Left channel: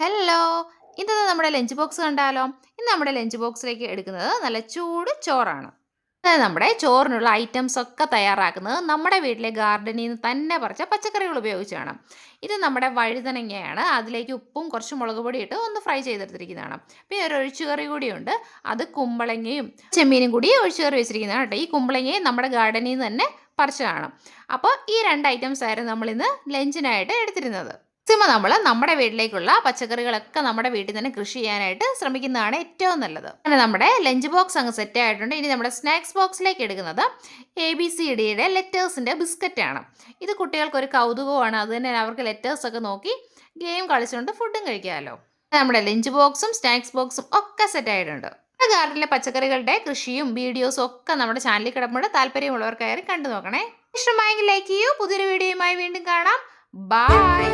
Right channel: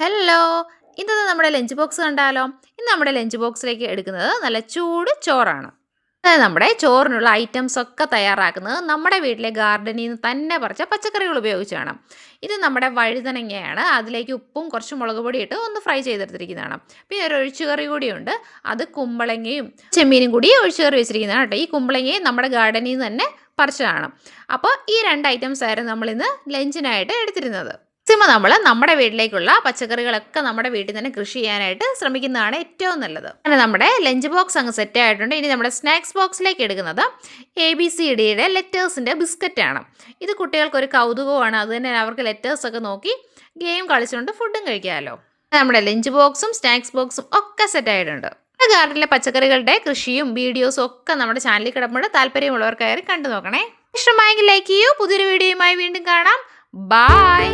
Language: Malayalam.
ഹലോ! ഇന്നത്തെ നമ്മുടെ ലഞ്ച് ബോക്സ് കണ്ടാലോ? ഇന്ന് നമ്മുടെ ലഞ്ച് ബോക്സിലേക്ക് എടുക്കുന്നത് നല്ല ചൂട് ചോറാണ്. അതായത് നമ്മുടെ ചോറിനുള്ള ഐറ്റംസ് ഒക്കെ തയ്യാറാക്കുന്നത് നമ്മുടെ വീട്ടിലെ ഗാർഡനിൽ നിന്ന് തന്നെ പറിച്ച പച്ചക്കറികൾ ഉപയോഗിച്ചാണ്. ഇത് നമ്മുടെ വഴുതനങ്ങയാണ്. അതിലേക്ക് ഉപ്പും കുറച്ച് മുളക് പൊടി ഇട്ട് ഒന്ന് ഫ്രൈ ചെയ്തെടുത്തിരിക്കുന്നതാണ്. പിന്നെ ഒരു ഒഴിച്ചുകറി കൂടിയുണ്ട്. അത് കുമ്പളങ്ങയും ചെമ്മീനും കൂടി ഒഴിച്ചുകറി വെച്ചിരിക്കുന്നതാണ് കേട്ടോ. ഈ കുമ്പളങ്ങയും നമ്മുടെ ഗാർഡനിൽ നിന്ന് തന്നെ പറിച്ചതാണ്. അപ്പോൾ ഈ 2 ഐറ്റംസ് ആയിരുന്നു നമ്മളിന്ന് ലഞ്ചിനായിട്ട് എടുത്തിരുന്നത്. മാക്സിമം നമ്മൾ നമ്മുടെ വീട്ടിലേക്കുള്ള പച്ചക്കറികളൊക്കെ നമ്മുടെ വീട്ടിൽ തന്നെ കൃഷി ചെയ്യാനായിട്ട് ശ്രമിക്കുന്നതാണ് ഏറ്റവും നല്ലത്. അങ്ങനെ നമ്മുടെ ലഞ്ച് ബോക്സ് അങ്ങ് സെറ്റ് ആയിട്ടുണ്ട്. ഇനി നമ്മുടെ സ്നാക്സ് ബോക്സിലേക്ക് എടുക്കുന്നത് ABCDയുടെ ലെറ്റേഴ്സിൻ്റെ ബിസ്ക്കറ്റാണ്. ഇത് കുട്ടികൾക്കൊരു കൗതുകമാണ്. അത് തന്നെ അവർക്ക് ലെറ്റേഴ്സൊക്കെ നോക്കി ഗെയിം കളിച്ചുകൊണ്ട് ഫുഡും കഴിക്കാമല്ലോ. നമ്മുടെ ലഞ്ച് ബോക്സും സ്നാക്സ് ബോക്സും ഒക്കെ സെറ്റ് ആയിട്ടുണ്ട്. ഗാർഡനിലെ പച്ചക്കറികളുടെ കൃഷിയും വീഡിയോസും ഒക്കെ നമ്മുടെ ചാനലിൽ കിടപ്പുണ്ട്. താല്പര്യമുള്ളവർക്കായി കണ്ടു നോക്കണേ. ഇഷ്ടമായെങ്കിൽ ലൈക്ക് ചെയ്യൂ. പുതിയൊരു വീഡിയോയുമായി വീണ്ടും കാണാം. ബൈ.